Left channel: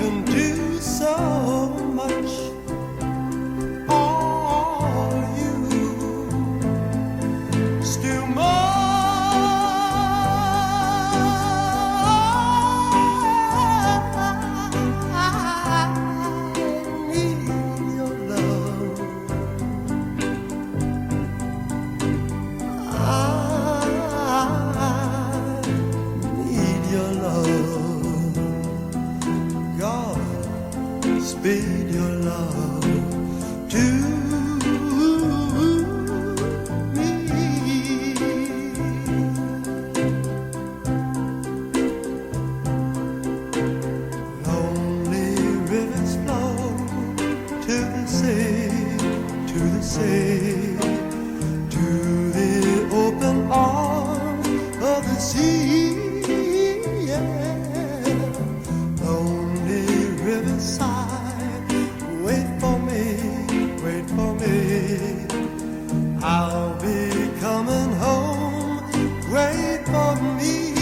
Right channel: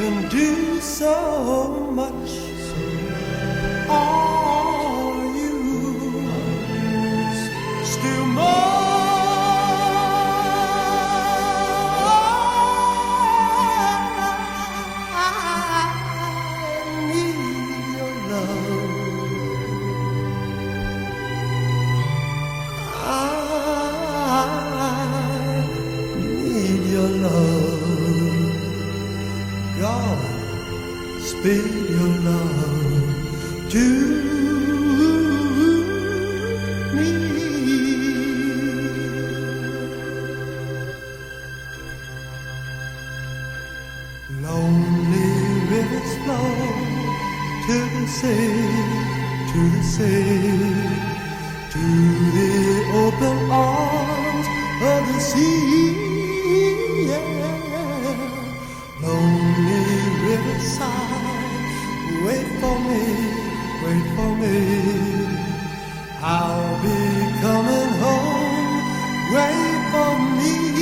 can do so much. Are you still more? Your love, God, speed your love to me. Lonely rivers flow to the sea, to the sea, to the open arms of the sea. Lonely riverside, wait for me, wait for me. I'll be coming home, wait for me.